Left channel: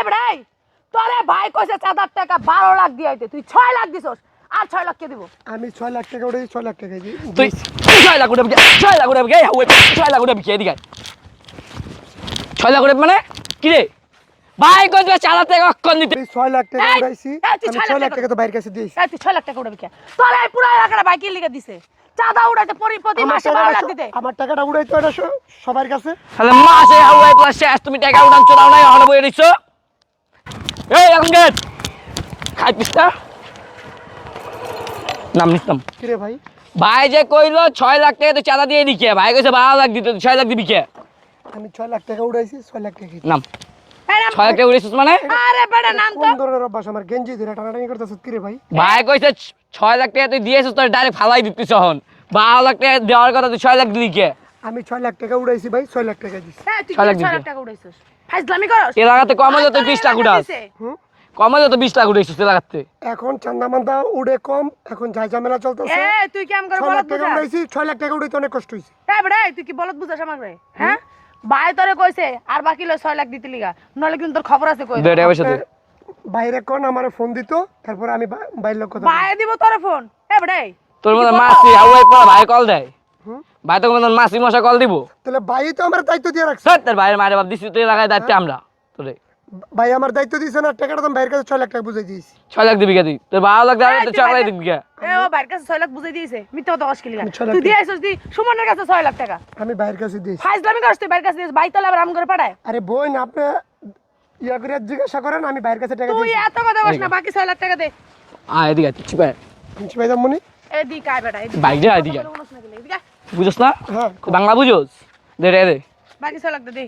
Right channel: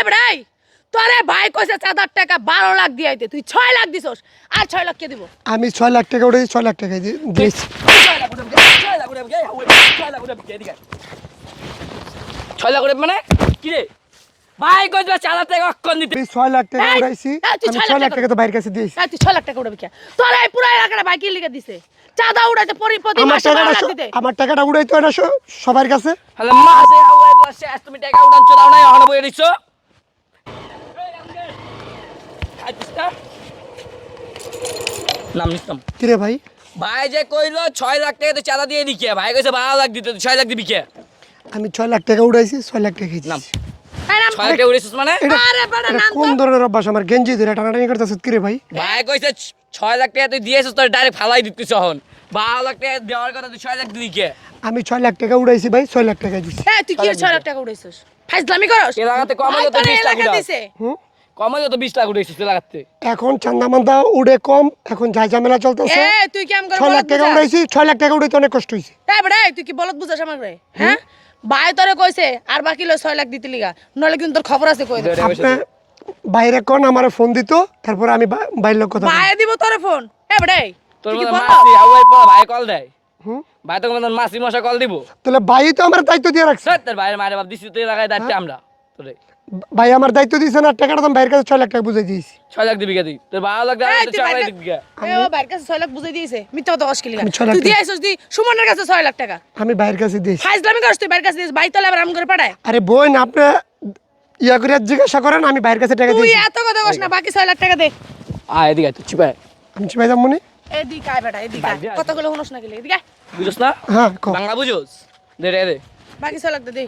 এই বেড়াই তোরে ভাই কইছে 4,000 টাকা 12 লাখ দিয়াইতে তুই 6 লাখ দিছস আর 6 লাখ কে দিব আমি 6 লাখ টাকা উড়াই 6 লাখ টাকা দিই 6 লাখ উঠে 6 লাখ উঠে গে হাওয়াই 6 লাখ উঠে বিকে এদিকে 6 লাখ উঠে মানে কি রে ভাই কইছে 4 লাখ টাকা অক্ষণ দিতে 6 লাখ টাকা উড়াইছি আমি 6 লাখ টাকা তো বাইরের কাছে দিয়েছি এই তুই 6 লাখ টাকা উড়াবি কে তোরে এই পুরো এলাকাটা ভাই কি লিখে দিছে চাঁদা উড়াইতে প্রতি মাসে 12 লাখ দিতে আমার টাকাটা উড়াইতো না সবার কাছে তাহলে মাসে হাওয়াই প্লাস শেষ তুমি টাকা উড়ান চড়াও নাই এখন বই দিছো এই এখন গেট খাই পিস্তা নাম নিতাম কি রে ভাই ভাই যে কইলো 6 লাখ টাকা তো চাঁদা দিয়ে দিকে ভাই কইছে 12 লাখ দিতে 6 লাখ দিবি কে আমি 6 লাখ টাকা উড়াইছি 6 লাখ টাকা নাম এই নাম 6 লাখ টাকা উড়িছিস মানে আরে বেটা নাম কোন ধরনের অভ্যাস আমার গেঞ্জি ধরে টানাটানি করতেছিস কি রে ভাই ভাই কইছে 6 লাখ টাকা তুই দিয়েছিস তোর ডাইরেক্ট ফালাই দিতিস এখন 12 লাখ টাকা দেওয়ার কথা তুই 6 লাখ দিলি কে আমি 6 লাখ টাকা উড়াইছি ভাই 6 লাখ টাকা দিছি এই তুই কি 6 লাখ টাকা উড়াইছস ফাইজলামি করস এলাকাতে কম হলে তো 20 লাখ উড়াস হুম কম হলে তো 20 লাখ উড়াইছিস এলাকাতে এখন চান্দা মান্দা উড়ে কম এখন যাই ঝামেলা চলতেছে এই তুই কি আম করে 6 লাখ বলত টাকা বুঝাস উড়াইছি 6 লাখ টাকা উড়াইতে অনেক কষ্ট হইছে এই বেটা তুই কি বলত বুঝাস আমারে হ্যাঁ ভাই তোরে কইছে আর বাকি লো 6 লাখ দিতে লিগা নলে কিন্তু তোর খবর আছে কই দে আপনি বাইরে কোন আমারে ফোন দিত তারপর আমি বাইরের লোক কথা ভাই দিব তোরে ফোন এই বেটা তোর মত মাসি হাওয়াই পড়া ভাই কল দেয় হুম ভাই তো মত মাসি মশা কল দিব তাহলে ভাই তো আমার দায়িত্ব দিয়ে রাখছে স্যার তোর ভাইয়ের মায়ের বাপ দিছি তুই লাগাই দায়িত্ব আমরা তোরে ভাই আমার দায়িত্ব দিয়েছেন আর টাকাটা তো আমি বাইরের কাছে 6 লাখ টাকা বুঝাই দিয়েছি 6 লাখ দিবি কে তুই তোর 12 লাখ দেওয়া এই, তুই তুই 6 লাখ বাইরে- দিবি কে এ ও ভাইয়ের কাছে 6 লাখ বুঝাই দিয়েছে মিথ্যা কথা অস্কিল লিগা আমি 6 লাখ তুই দিয়েছিস তুই সুমনের কাছে 6 লাখ টাকা আমি বাইরের কাছে দিয়েছি ফাইজলামি করস তুই ভাইয়ের কাছে দিয়েছিস ভাই তোলে আবার আম করে পাঠায় আরে বোন আপনি ইয়া করে জিজ্ঞাসা করেন আমি বাইরের কাছে টাকা তুই দিয়েছি এত কথা কস না বাকি 6 লাখ টাকা দে আয় এদিকে তুই চিপায় আমি ভাই জামুনি এই দি কাই বেটা এই দি বাইরে আয়, এদিকে। কথা বলে শুনস না গেলে এদিকে আয়। বুঝছ না হ্যাঁ কও। বাংলা বুঝোস দে রে দে বাকি 6 লাখ দে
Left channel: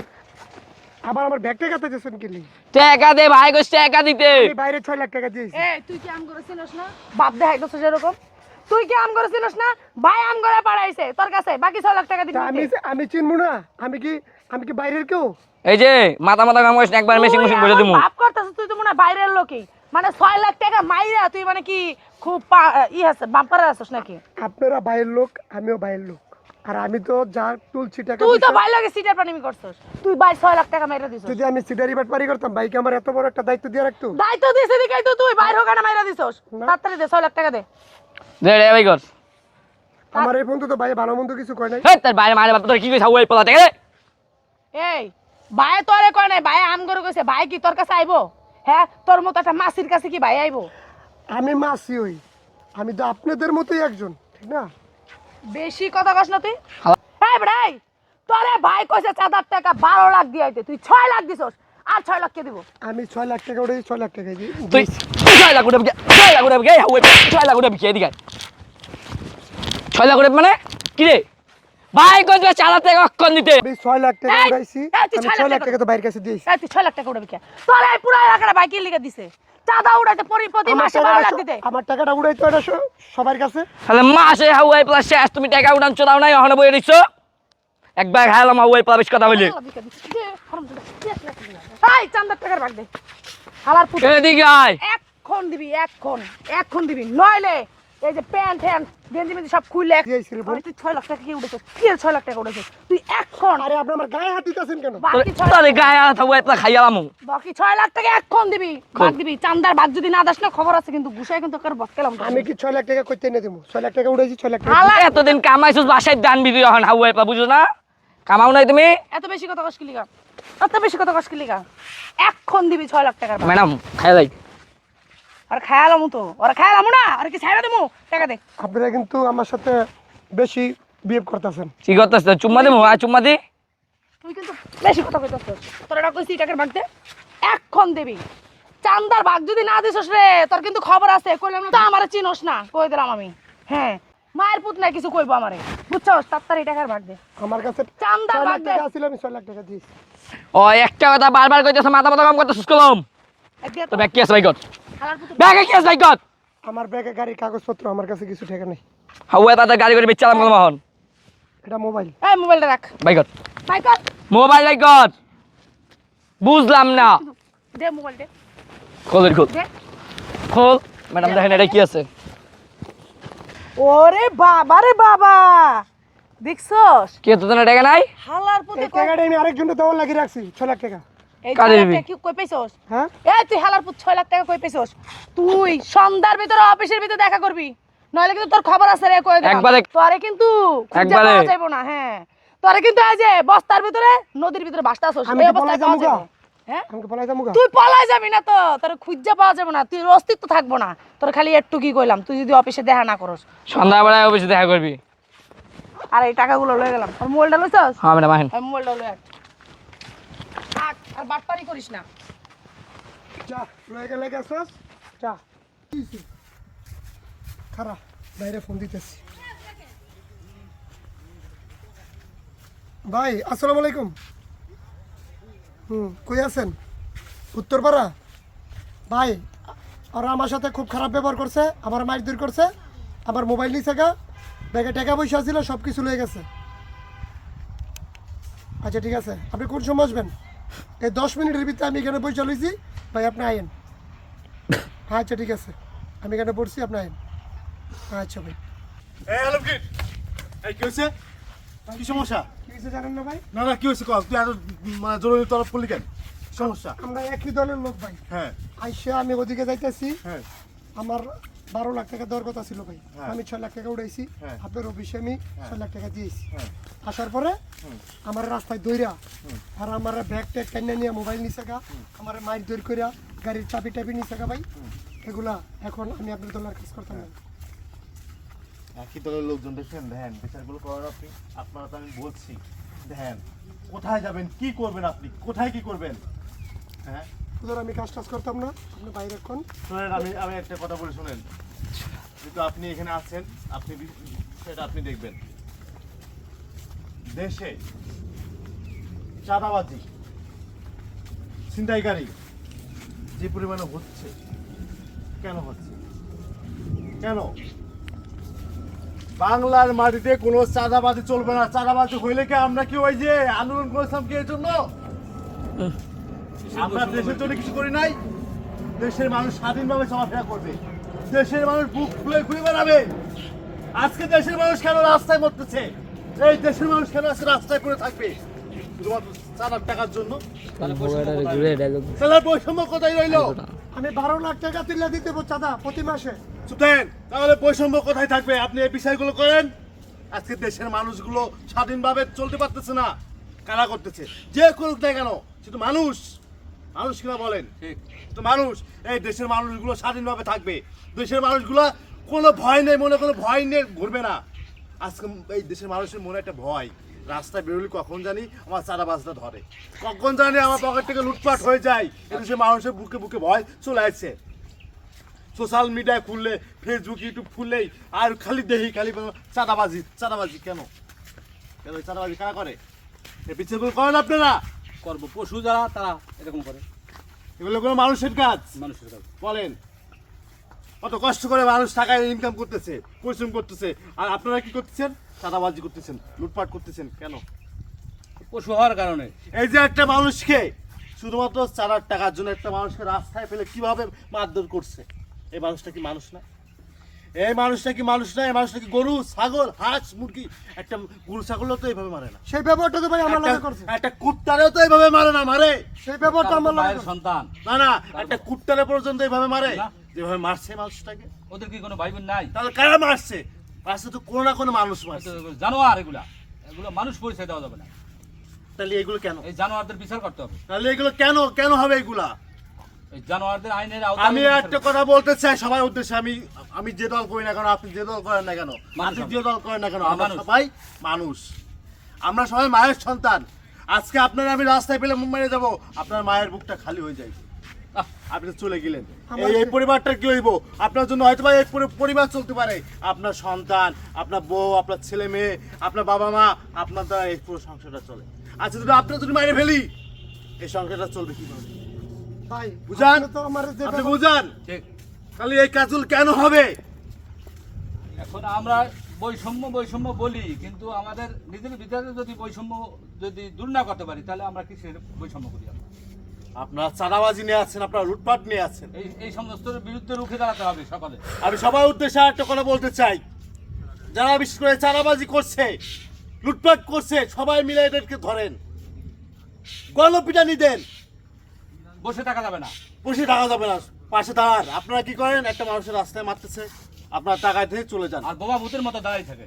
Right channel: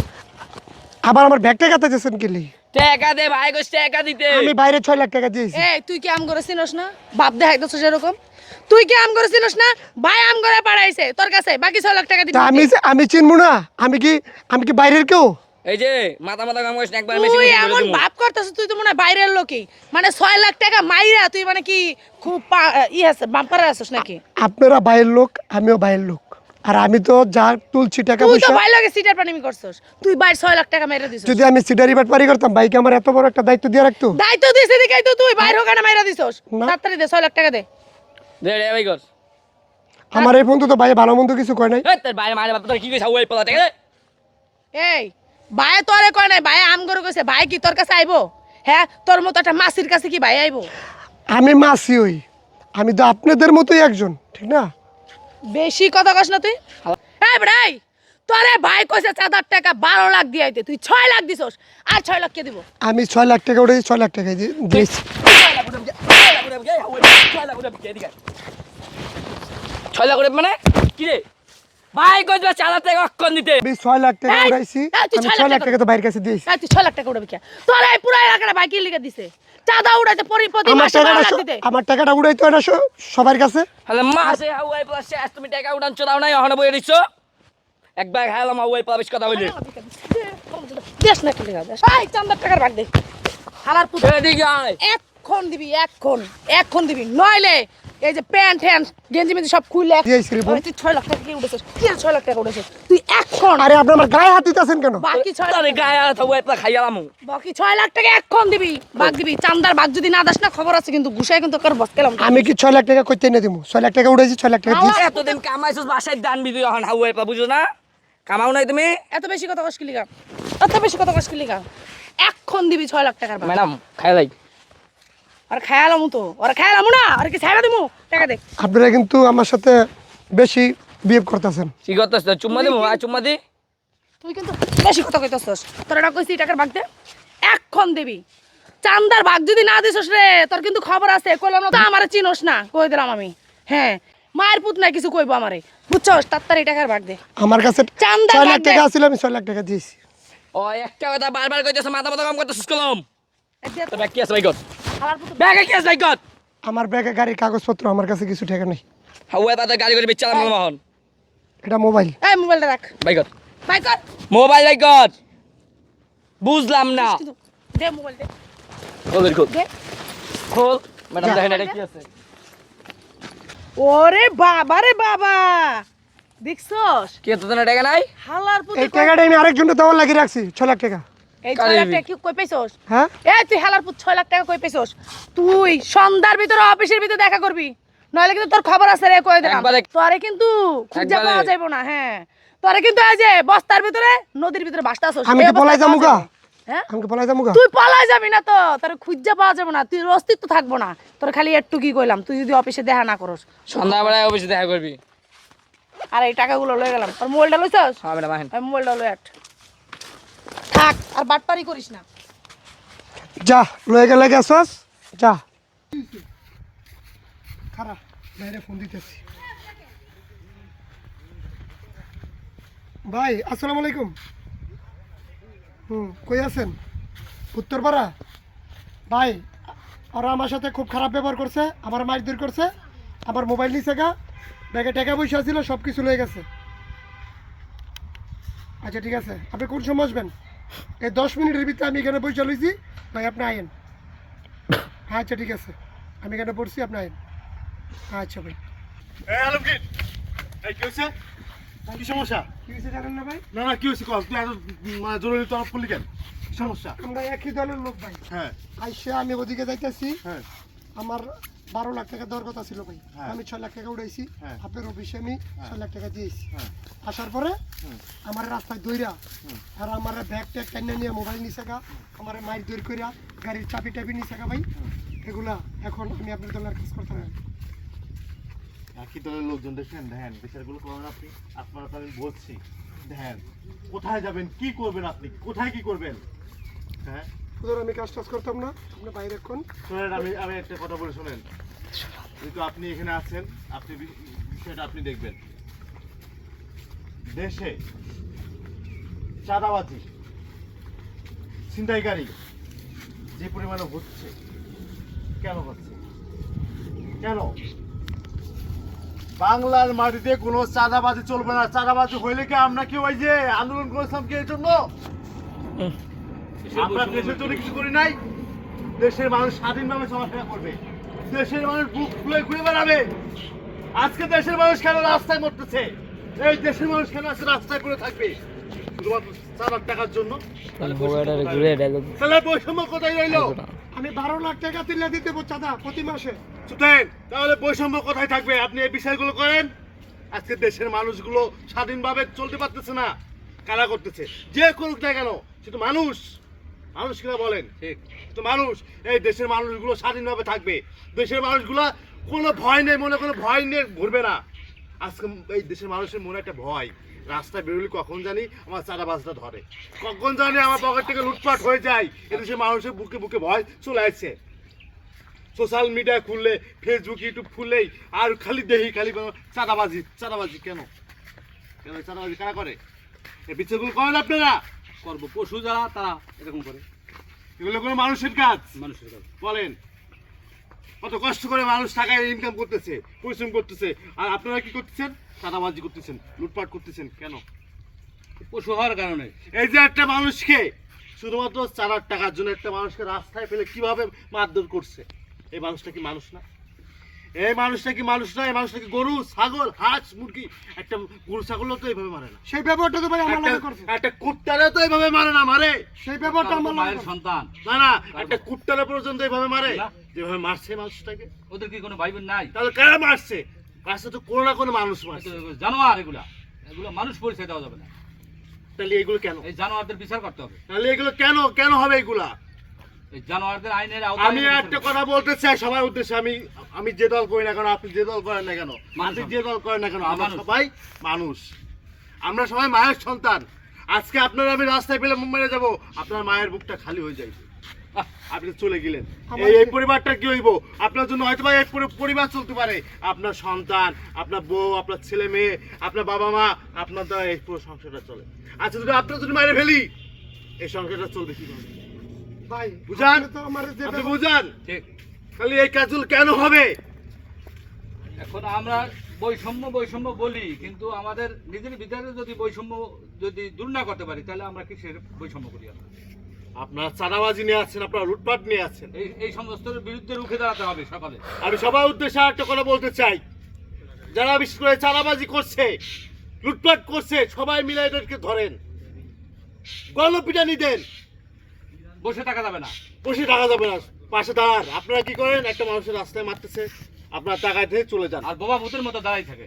আবার আমার ব্যাগটা কাটা দিয়েছেন কি লি? টাকা দে ভাই কইছ টাকা দিতে আমি বাইরে 6 লাখ টাকা দিয়েছি এই তুই কি আম করে চিনস না বাপ দেখাইতেছ এরকম তুই কি আম করে চিনস না ভাই আম করে পাঠাইছে তোর কাছে বাকি 6 লাখ টাকা দিবি তা আমি চিনবো না আমি কি বাইরের কেউ এই যে মাথা মাথা কাম করিস না, একবার মেশিন তুই মেশিন করে এমন দিমু ভাব করতেছ তুই তো মনে হয় বাইরের লোকই মানে 6 লাখ টাকা মাইরা তুই মানে কি খুব আছে বাম্পারে আছিস নাকি আপনারা বাইরের লোক আমিও বাইরের লোক আর আমি তো যা তুলছি টাকা তুই তো পয়সা ভাই লাগে সিটার পানিমি করছস তুই ভাই 6 লাখ টাকা মেরে দিছস যদি আমি সিডারি বাট পারি করতাম বাইকে আমার এত বড় একটা দায়িত্ব দিয়ে রাখতো দায়িত্ব দিছিস দিকাই তো তুই বাইর হোকানা মাইরা দিছস না। তাড়াতাড়ি দে 6 লাখ টাকা দে দে রে ভাই কর আমার এই বন্ধু তো ভাই ভালো মন্দ কিছু কয় নাই এই তোর বাইরে মারে বাপ তোর কি কইছ হাওয়াই পড়া টাকা দে এই ভাই তোরে কয় নাই ভাই আম করে কইছে ভাই কি তোর কাছে আইবো হ্যাঁ তোর মতো একটা মাসির কাছে কি ভাই আইবো আমি মাসি হই আমি তো আপনাদের মতোই একজন ঠিক না বেশি কথা কস না তুই এই ভাই তোরে ভাই কইছে 4,000 টাকা 12 লাখ দিয়াইতে তুই 6 লাখ দিছস আর 6 লাখ কে দিব আমি 6 লাখ টাকা উড়ে 6 লাখ টাকা তুই দিয়েছি 6 লাখ উঠে বিকে 6 লাখ উঠে বিকে হাওয়াই 6 লাখ উঠে বিকে এদিকে 6 লাখ উঠে মানে কি রে ভাই কইছ 4 লাখ টাকা অক্ষণ দিতে আমি 6 লাখ টাকা এই, উড়াইছি এই, তুই আমি 6 6 লাখ লাখ টাকা তো বাইরের কাছে দিয়েছি এই তুই 6 লাখ টাকা উড়াবি কে তোর এই পুরো এলাকাটা ভাই কি লিখে দিছে চাঁদা উড়াইতে প্রতি মাসে 12 লাখ দিতে আমার টাকাটা উড়াইতো না সবার কাছে তাহলে মাসে হাওয়াই প্লাস শেষ তুমি টাকা উড়ান চড়াও নাই এখন বই দিছো একবার খাইলাম হাওয়াই প্লাস কথা বলি দেশ না কি লিখে এই চাঁদার টাকার ভাগ দে হালার পুত এদিকে আয় এখন দিবি এখন দিবি নইলে এই যে প্যান্ট হ্যান্ড গেঞ্জি মেঞ্জি সব খুলে দিয়েছি রে বোন। তুই 6 লাখ টাকা কি উড়েছিস কি 6 লাখ টাকা উড়েছিস তুই এখন আরে আপনি আমার গায়ে হাত দিতেছেন কেন বাকি 6 তোর লাখ গায়ে আনা হাওয়াই প্লাস খাইলাম বাকি 6 লাখ টাকা এখন দিবি ভাগ দিবি চান্দার ভাগ যদি না দাস না খবর আছে কিন্তু গুছায় কিন্তু কার বসকেলাম আমি কি 6 লাখ টাকা কইতে এনে দেবো 6 লাখ টাকা উড়াইছি 6 লাখ টাকা হালা এতদিন কামাইছিস বাসায় দান বিবি এখন হাওয়াই প্লাস বুঝো না কামাও নাই তুমি এত বেশি কথা কস কি লিগা এত বেশি কথা কস কি লিগা এখন দিবি 6 লাখ টাকার ভাগ। ম্যাডাম খাই লাই আর খায়ালামু তো আর খায়ালামু না আর কি ছাইড়া দিমু টাকা দে আপনারা কিন্তু আমার সাথে বেশি বিহেভ করতেছেন কি করতেছ চুম্মা দিমু আর চুম্মা দি তুই কিন্তু বেশি কথা কইতাছস তোর এটা কইছি টাকার ভাগ দে এখন দিবি চান্দার ভাগ যদি না দিছস রে তোর কিন্তু খবর আছে কইলাম না তো আমারে চিনোস না কই দিলাম আমি হ্যাঁ মায়ের পুত না কিছু কইবো আমারে বুঝছস তাড়াতাড়ি টাকার ভাগ দে আমার কাছে চান্দা 6 লাখ ভাগ দে। টাকা ছিল আমি 6 লাখ টাকা দিয়েছি ও একটা কথা বারবার কইতেছ মাথা মাথা কাম করতেছিস কলম তো ব্যাগ কি আছে ভাই গত ব্যাগ কি আছে ভাই গত আমার ব্যাগে গাড়ির কাগজপত্র আমার কাছে কিছু টাকা নেই হাওয়াই তাতে গাড়ি করে বেচালাম মোহন এটা মোবাইল এই মোবাইলটা রাখ ভাই গত বাই কর মোবাইল ভাই গত বুঝলাম না কিন্তু দে মোবাইল দে খোল খোল দে খোল ম্যাডাম দেখেন এটা কি আছে ওরে বাবা রে বাবা দেখছস কি তো না টাকা নাই হালার পুতে এই টাকাটা আমি আরেকজনকে দেওয়ার লাগিয়ে রাখছি 6 লাখ টাকা এই কারে 6 লাখ দিবি? টাকা কি কই পেছস? হ্যাঁ এই তুই হালার পুত 6 লাখ টাকা কই পেছস? তুই সন্ধ্যার ভিতরে অফিসের ভিতরে দেখা করবি, নইলে কিন্তু তোর খবর আছে রে, কই দিলাম। একবারে- তোরে কিন্তু খুঁজে একবারে- পাওয়া যাইবো না। হ্যাঁ, তোরে কিন্তু এই যে বস্তার ভিতরে নদীর ভিতরে ভাসতাছস। আমি এই কি পলাই অবস্থায় যামু পাওয়া গা? যাবে। হ্যাঁ, আমাকে পলাই যাবো গা? তুই পলাই যাবি না তো, তোর খুঁজে পাওয়া যাবে না, তুই অস্তিত্ব থাকবো না। তোর খালি একটু কি কইলাম, তুই যদি অফিসে দেখা না করস। সন্ধ্যাবেলায় অফিসে দেখা করবি। আর এই টাকাগুলো লয়ে গেলাম। আর মোবাইলটা লইছস? হ্যাঁ ম্যাডাম আসেন। আমি মোবাইলটা লয়ে আট। থাক, আর বাটপারি করিস না। যা লয়ে গেলে গেছস যা। খারাপ বাইরে ফোন দিতেছি। ভাই আসসালামু আলাইকুম। কই আছেন? উত্তরপাড়া। ভাই আর আমার সাথে খুব খারাপ ব্যবহার করছে, আমার মারধর করছে, আমার মোবাইল নিছে গা, ব্যাগে টাকা পয়সা ছিল সব কিছু লয়ে গেছে। আচ্ছা ঠিক আছে, আপনি কোন সময় আসবেন? এই 10 মিনিটের ভিতরে আমি এখানে বসে লইছি, ভাই আপনি আইন। আচ্ছা ঠিক আছে, আমি এখানে পড়ছি, আপনি আইন। আচ্ছা ভাই। এই আলমগীর, এই কি হয়েছে? কি সমস্যা? কি হয়েছে জানেন না ভাই? না না কি হয়েছে কল? তুই এত মানে জরুরি তরফ করলি কেন? কি সমস্যা? আমরা একই দলের লোক ভাই। হ্যাঁ আইসে আমি ওদিকে যাইতেছি, হ্যাঁ আমার 12 লাখ টাকা দেওয়ার কথা ছিল ভাই, হ্যাঁ। আমি 6 লাখ টাকা উঠাইছি, হ্যাঁ। আপনার অফিসে আমি 6 লাখ টাকা দিয়েছি। হ্যাঁ আসার পরে হুম। আমার রাস্তায় দইরা আর আমার ব্যাগ ট্যাগ টাইনা নিয়ে মোবাইল নিছে গা, আমার মাইক দৌড় কইরা গাড়ির চাবি টাবি নিছে গা ভাই। এগুলা এখন আমি আপনার দলের কাজ করতাম না। একই দলের লোকজন দেখেন, দেখেন বিচারগুলো করার আপনি, আপনারা তো আমি বলছি দেখেন কোথায় যাবেন, কি করবেন, আপনি কোথায় কি করবেন? হ্যাঁ ধর আমি কাজ টাজ করতাম না, আপনি বাইরে এখন শোনেন, আমি একটা কথা বলে শোনেন, কিন্তু আপনি এখানে আছেন, আপনি বিষয়টা আপনি দেখবেন। দেশে চাঁদাবাজি, ছিনতাইকারী যে পরিমাণে হচ্ছে, কেন হচ্ছে? কেন? বাংলার মাটিতে কোনো চাঁদাবাজি চলবে না। চাঁদাবাজি হইলে কি আমরা কি ওই যে আন্দোলন করেছিলাম কি এর জন্য? আমরা দেশের জন্য কিছু করি নাই। দেশের মানুষ স্বাধীনভাবে চলাফেরা করবে, দেশের মানুষ বুক খুলে ঘুরে বেড়াবে। আজকে দেশের মানুষ কেন রাস্তায় মরতেছে? এই দেশের মানুষ কেন আজকে রাস্তায় করে থাকবে? শুধুমাত্র 4 টাকার জন্য? তাহলে বৈষম্য কোথায় রইলো? আমি 12 লাখ টাকা তুলে দিতে দেবো চাঁদা প্রতি মাসে। সুতরাং তাহলে বৈষম্য কোথায় থাকবে? আপনি এই বিষয়গুলো করেন। আজকে দেশের মানুষগুলো স্বাধীনভাবে চলতে পারতেছে না, কারা করতেছে? যে করুক না কেন, শুধু মানুষ, মানুষ কিনা বলেন, ঠিক তো মানুষ। এই দেশের মানুষগুলো স্বাধীনভাবে থাকবে, দেশের মানুষগুলো কোনো ভয় নেই, মনে কোনো ভয় নেই, ঘুরবে না। আজকে এই দেশের মানুষের মনে একটা ভয়, রাস্তায় বেরোলে কখন জানি আমার চাঁদাবাজটা ধরে, কখন জানি আমার পকেট থেকে লুটপাট হয়ে যায়। এদেশের মানুষের বুকে বুকে ভয় চলে আসছে। সোশ্যাল মিডিয়া খুললে, ফেসবুক ইউটিউব খুললেই আর খালি দেখি খালি চাঁদাবাজি চাঁদাবাজি। কেন কেন এই চাঁদাবাজি কারা করে? এই বিচারগুলো করেন আপনারা? করবো পশু যারা তারা এরকম করে এগুলো কোনো মানুষের কাজ? মানুষের কাছে বলেন, কত কষ্ট করে মানুষ টাকা ইনকাম করতেছে, পরিশ্রম করতেছে, আর আপনারা কি করতেছেন? চাঁদাবাজি করতেছেন, লুটপাট করতেছেন। কেন? পশু হওয়ার কারণে এই যে একটা মানুষকে শুধুমাত্র 4 টাকার জন্য একটা মানুষকে রাস্তায় ফেলে কিভাবে মারধর করছে, এই মানুষটা কি মানুষ না? এই মানুষটা কি মানুষ না? এই মানুষটা কি গরু, ছাগল, হাঁস, মুরগি? একটা গরু ছাগলও তো এইভাবে মারে না, সেই ব্যবহারটা তো ভাই আমার লাগে করছে, একটা কুত্তারেও তো এইভাবে মারে না, মারে সেই ব্যবহারটা আমার লাগে মায়ের করছে। সন্তান না না, একটা কুত্তারে পর্যন্ত এইভাবে মারে, না। যেভাবে মারছে মানুষটাকে। ওদের কি কোনো ভাই বোন নাই? তাহলে কারা মারছে? মারছে তো কোনো না কোনো মানুষ মারছে। জানোয়ার এগুলা, এগুলো মানুষ পরিচয় দেওয়া যাবে না। তাহলে এগুলো কেন? এই জানোয়ারদের বিচার করতে হবে। তাহলে এগুলো কেন কেন হবে এগুলা? এই জানোয়ারদের আইনের আওতায় আমি বিচার একটা করতে কথা বলতে চাই সবার উদ্দেশ্যে, আমি যে দল করি না কেন, আপনি যে দল করেন না কেন, আপনি যে দল করেন না কেন, আমরা মানুষ। সবাই মানুষ, আমরা সবাই মায়ের সন্তান। আজকে আপনার আমি রাস্তায় পেলে মুখ মেরে যাবো, আপনার মায়ের বুকটা খালি হয়ে যাবে। আহ, আপনি তো চলে গেলেন, এই পরিবারটা কি হইব? আপনার জন্য হয়তো বা এই পুরো পরিবার চলতে পারে, আপনার সন্তান, আপনার বউ, আপনার ছেলে মেয়ে, আপনার বাবা মা, আপনার দ্বারা এই পুরো সংসারটা চলে। আচ্ছা যদি আপনার যদি মায়ের ফেলি, এই সংসারটা চলবে কি করে? ভাই বুঝান, আপনি তো আমার যে আপনি বুঝান, ঠিক। তাহলে এই কাজগুলো কেন হবে? এখন আমরা বৈষম্য বলি, কিন্তু আমাদের নিজের ভিতরে যদি বৈষম্য যদি দূর না করতে পারি, তাহলে আমরা কিসের বৈষম্য করি? আমরা আপনার চাঁদাবাজি নিয়ে আছেন, আপনার লুটপাট নিয়ে আছেন। এই সমস্ত বিরুদ্ধে রুখে দাঁড়াতে হবে সকলে। আমি সবার উদ্দেশ্যে একটা কথা বলতে চাই, যারা বিশেষ করে চাঁদাবাজি করছে, লুটপাট করছে, সবাই মিলে এদেরকে ধরেন, গণপিটানি দেন, বসে থাকা যাবে না। বসে থাকা যাবে না, পাশে দাঁড়ান। আপনারা কি করেন, একটা মানুষের রাস্তায় মারতেছে, আপনার টাকায় থেকে চলে যান। আর বোমা ভূতের মতো দাঁড়াই থাকে।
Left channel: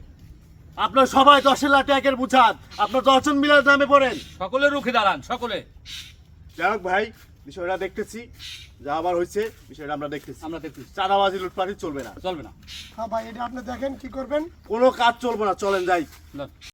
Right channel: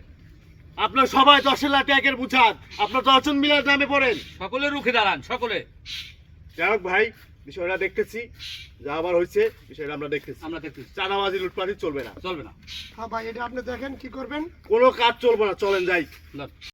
আপনার সবাই 10 লাখ একের বুঝান, আপনার 10 জন মিলার নামে পড়েন। সকলে রুখে দাঁড়ান, সকলে। যাই হোক ভাই, বিষয়টা দেখতেছি, যা আবার হয়েছে বিষয়টা আমরা দেখতেছি। আমরা দেখতেছি, চাঁদাবাজি লুটপাটি চলবে না। চলবে না। হ্যাঁ ভাই, এটা আপনি দেখেন কি করবেন। কোনো কাজ চলবে না, চলেন যাই। লন।